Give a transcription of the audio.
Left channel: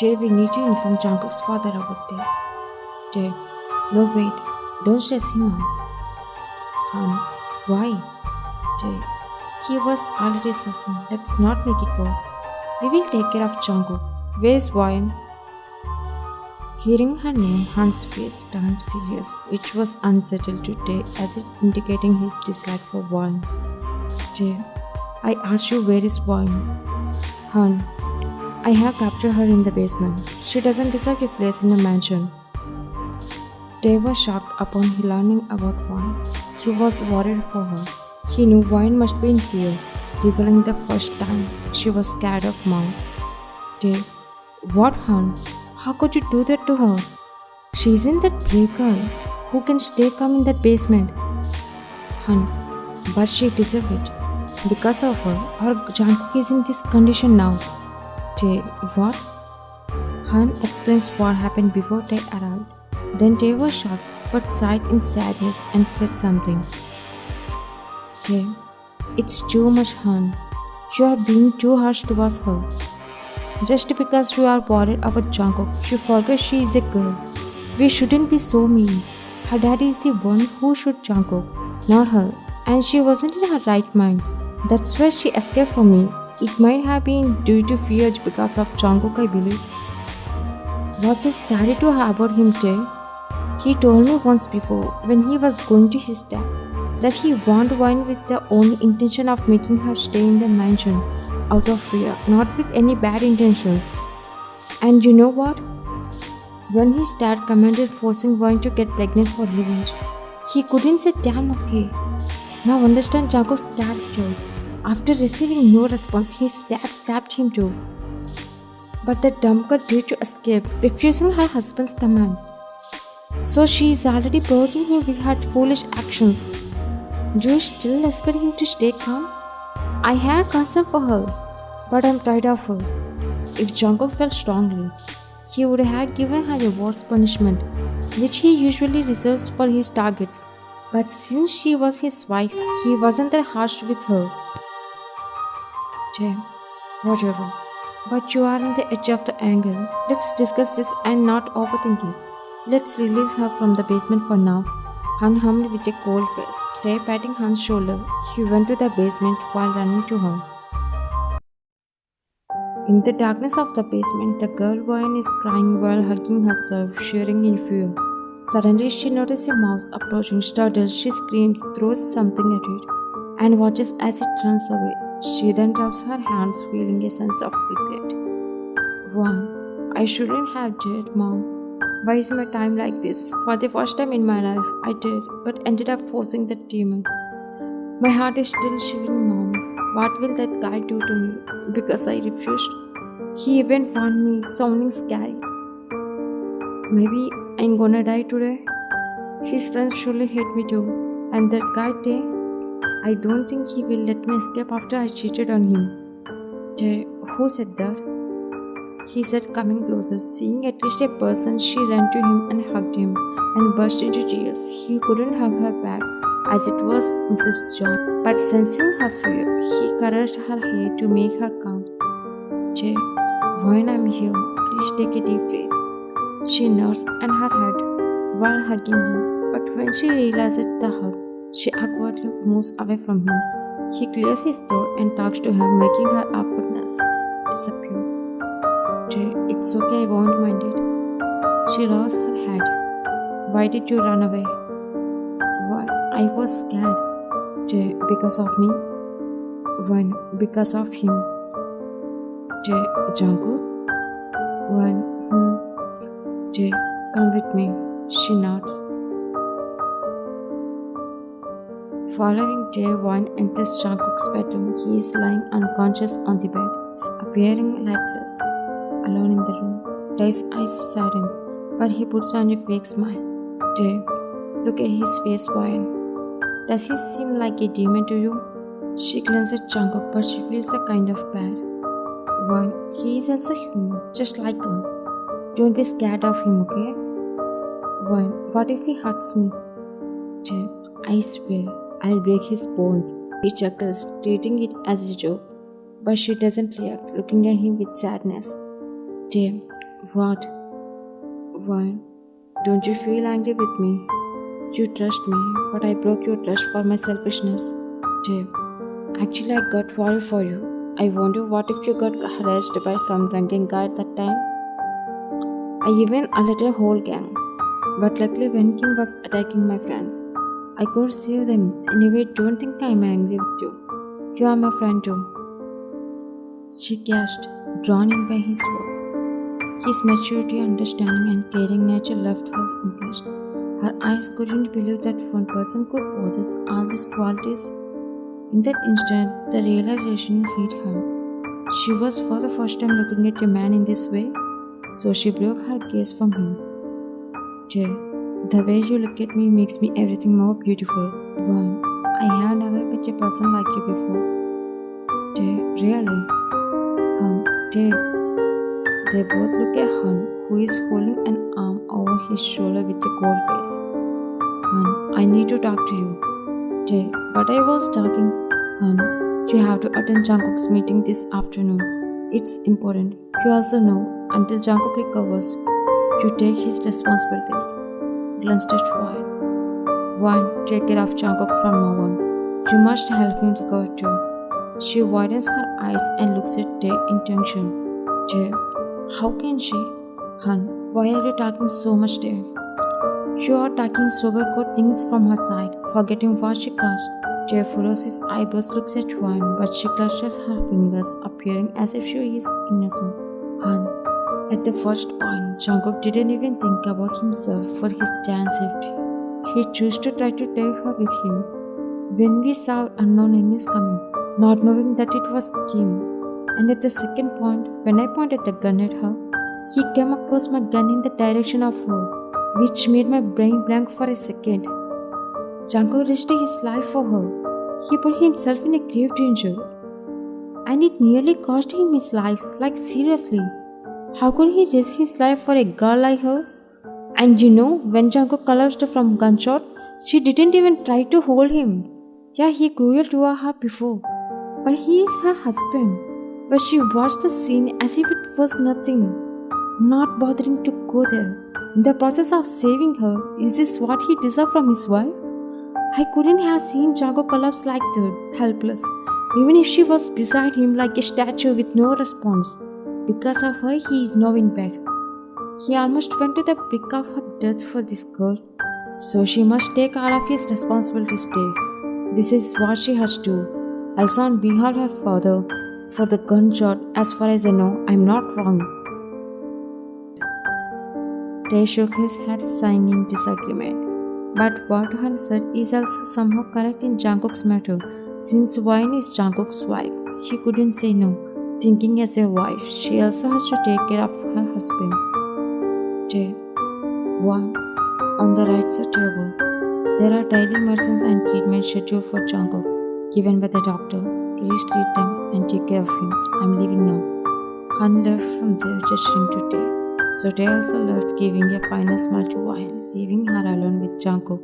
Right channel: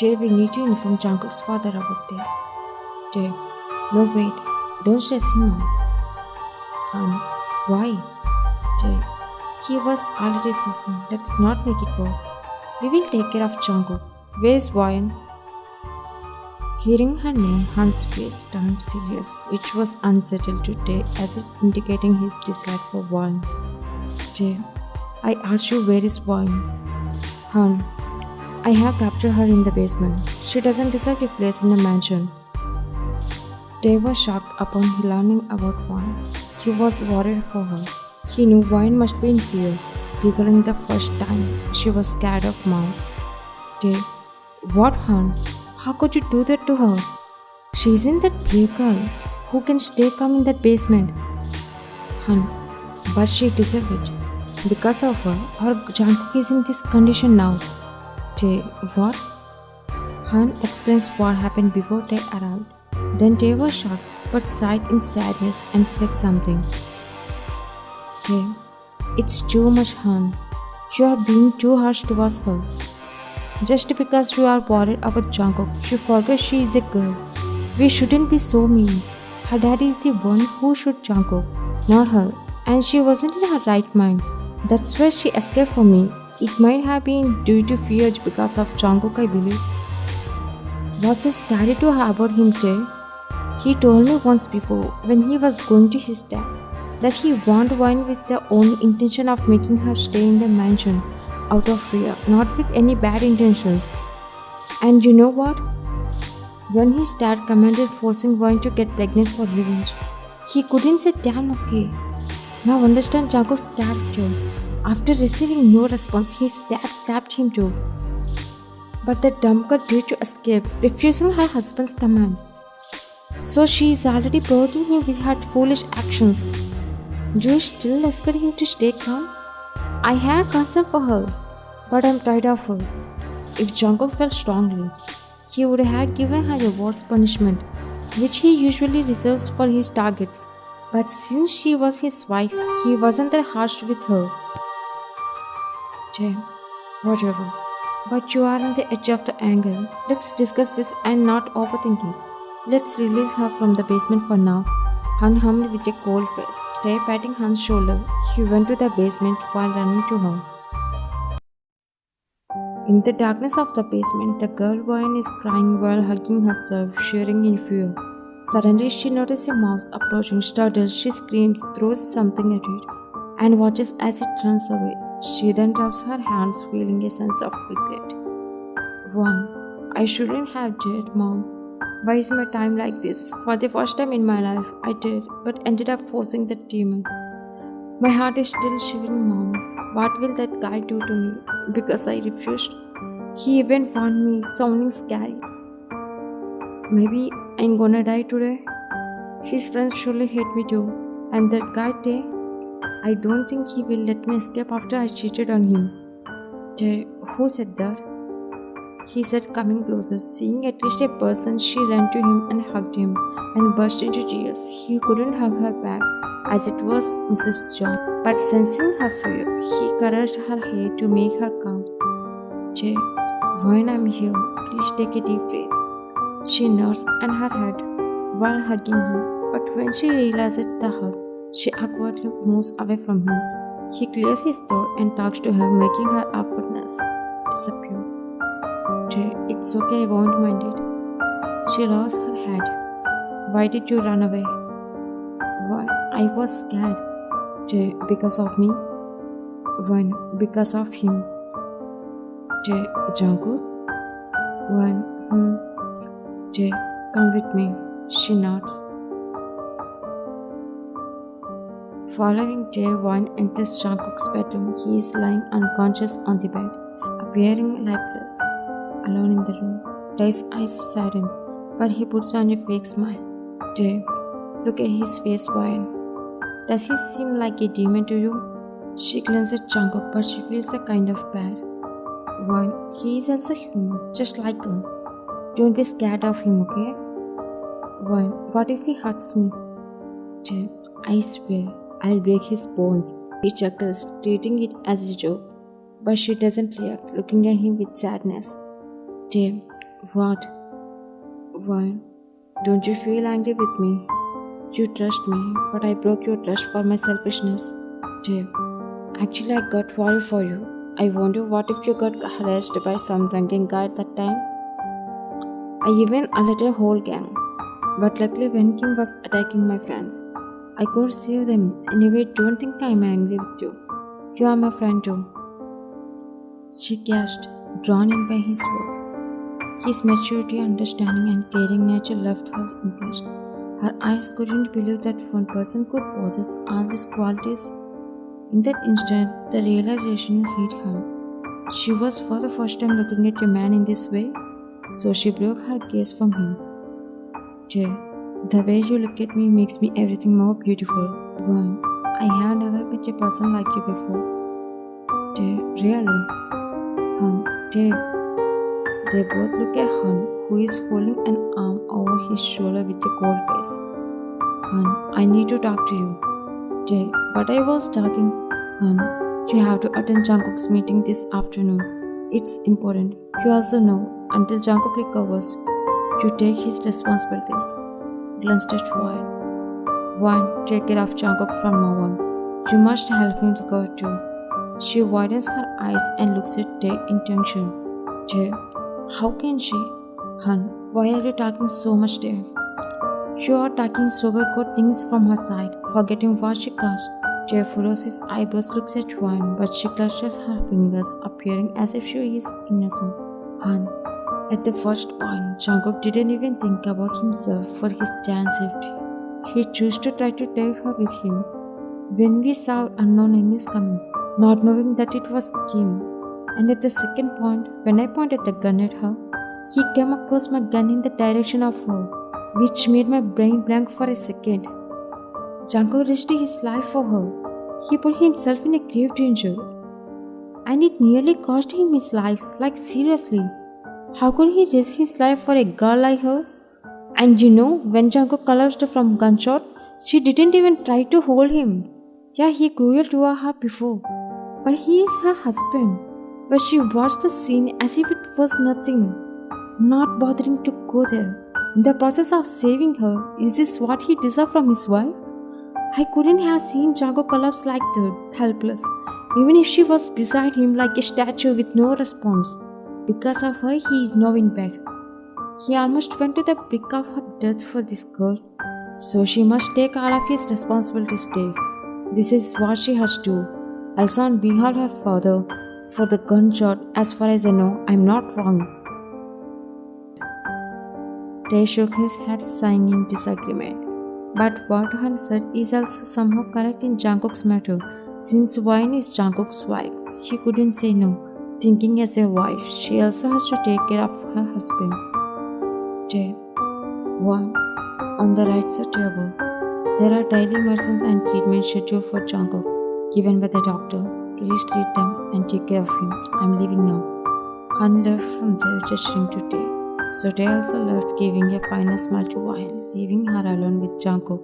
Jay, we need to inform Jungkook's father about this. Jay, no wait, don't stress him out. Han, why? Jay, he was already suffering. Let's not make it worse. We will take care of Jungkook. Where is Wine? Hearing her name, Han's face turned serious, which was unsettled to Jay as it indicating his dislike for Wine. Jay, I asked you where is Wine? Han, I have captured her in the basement. She doesn't deserve a place in a mansion. Dave was shocked upon learning about Wine. He was worried for her. He knew Wine must be in fear, recalling the first time she was scared of mouse. Dave, what, Han? How could you do that to her? She isn't that brave girl who can stay calm in that basement. Han, but she deserves it. Because of her, our Jungkook is in this condition now. Tae, what? Han explains what happened before Tae arrived. Then Tae was shocked but sighed in sadness and said something. Tae, it's too much, Han. You are being too harsh towards her. Just because you are worried about Jungkook, you forget she is a girl. We shouldn't be so mean. Her daddy is the one who shot Jungkook, not her, and she wasn't in her right mind. That's why she escaped from me. It might have been due to fear because of Jungkook, I believe. What's so scary to her about him, Tae? He told me once before, when he was going to his dad, that he wanted Wine with the only intention of making her stay in the mansion out of fear, not with any bad intentions. And you know what? When his dad commanded forcing Wine to get pregnant for revenge, he couldn't say damn okay. Now understand Jungkook's character. After receiving no response, his dad slapped him too. But the dumb girl dared to escape, refusing her husband's command. So she is already provoking him with her foolish actions. Do you still expect him to stay calm? I had concern for her, but I'm tired of her. If Jungkook felt strongly, he would have given her a worse punishment, which he usually reserves for his targets. But since she was his wife, he wasn't that harsh with her. Jay, whatever. But you are on the edge of the anger. Let's discuss this and not overthink it. Let's release her from the basement for now. Han hummed with a cold face. Jay patting Han's shoulder, he went to the basement while running to her. In the darkness of the basement, the girl Wine is crying while hugging herself, shivering in fear. Suddenly, she notices a mouse approaching. Startled, she screams, throws something at it, and watches as it runs away. She then rubs her hands, feeling a sense of regret. One, I shouldn't have dared, Mom. Why is my time like this? For the first time in my life, I did, but ended up forcing that demon. My heart is still shivering, Mom. What will that guy do to me? Because I refused. He even found me sounding scary. Maybe I'm gonna die today. His friends surely hate me too. And that guy, Tae, I don't think he will let me escape after I cheated on him. Tae, who said that? He said, coming closer. Seeing at least a person, she ran to him and hugged him and burst into tears. He couldn't hug her back, as it was Mrs. John. But sensing her fear, he caressed her hair to make her calm. Jay, when I'm here, please take a deep breath. She nods and her head while hugging him, but when she realizes the hug, she awkwardly moves away from him. He clears his throat and talks to her, making her awkwardness disappear. Jay, it's okay, I won't mind it. She lowers her head. Why did you run away? Why, I was scared. Jay, because of me? When, because of him. Jay, Jungkook? When, Jay, come with me. She nods. Following Jay, One enters Jungkook's bedroom. He is lying unconscious on the bed, appearing lifeless, alone in the room. Jay's eyes sadden, but he puts on a fake smile. Jay, look at his face, Wine. Does he seem like a demon to you? She glances at Jungkook, but she feels a kind of bad. Wine, he is also human, just like us. Don't be scared of him, okay? Wine, what if he hurts me? Jay, I swear, I'll break his bones. He chuckles, treating it as a joke. But she doesn't react, looking at him with sadness. Jay, What? Why? Don't you feel angry with me? You trust me, but I broke your trust for my selfishness. Jay, actually, I got worried for you. I wonder what if you got harassed by some drunken guy at that time? I even alerted a whole gang. But luckily, when Kim was attacking my friends, I could save them. Anyway, don't think I'm angry with you. You are my friend too. She gasped, drawn in by his words. His maturity, understanding, and caring nature left her impressed. Her eyes couldn't believe that one person could possess all these qualities. In that instant, the realization hit her. She was for the first time looking at a man in this way, so she broke her gaze from him. Jay, the way you look at me makes me everything more beautiful. One, I have never met a person like you before. Jay, really? Jay. They both look at Han, who is holding an arm over his shoulder with a cold face. Han, I need to talk to you. Jay, but I was talking. Han, you have to attend Jungkook's meeting this afternoon. It's important. You also know, until Jungkook recovers, you take his responsibilities. Glanced at Wine. Wine, take care of Jungkook from now on. You must help him recover too. She widens her eyes and looks at Jay in tension. Jay, how can she? Han, why are you talking so much there? You are talking sugarcoat things from her side, forgetting what she caused. Jay furrows his eyebrows, looks at Wine, but she clutches her fingers, appearing as if she is innocent. Han, at the first point, Jungkook didn't even think about himself for his Jan's safety. He chose to try to take her with him. When we saw unknown enemies coming, not knowing that it was Kim, and at the second point, when I pointed the gun at her, he came across my gun in the direction of her, which made my brain blank for a second. Jungkook risked his life for her. He put himself in a grave danger. And it nearly cost him his life, like seriously. How could he risk his life for a girl like her? And you know, when Jungkook collapsed from gunshot, she didn't even try to hold him. Yeah, he cruel to her before, but he is her husband. But she watched the scene as if it was nothing, not bothering to go there. In the process of saving her, is this what he deserved from his wife? I couldn't have seen Jungkook collapse like that, helpless, even if she was beside him like a statue with no response. Because of her, he is now in bed. He almost went to the brink of her death for this girl, so she must take all of his responsibilities today. This is what she has to do. Also on behalf of her father, for the gunshot, as far as I know, I'm not wrong. Tay shook his head, sighing in disagreement. But what Han said is also somehow correct in Jungkook's matter. Since Wine is Jungkook's wife, he couldn't say no. Thinking as a wife, she also has to take care of her husband. Tay, one, on the right side table, there are daily medicines and treatments scheduled for Jungkook, given by the doctor. Please treat them and take care of him. I'm leaving now. Han left from there, gesturing to Tay. So Tay also left, giving a final smile to Wine, leaving her alone with Jungkook.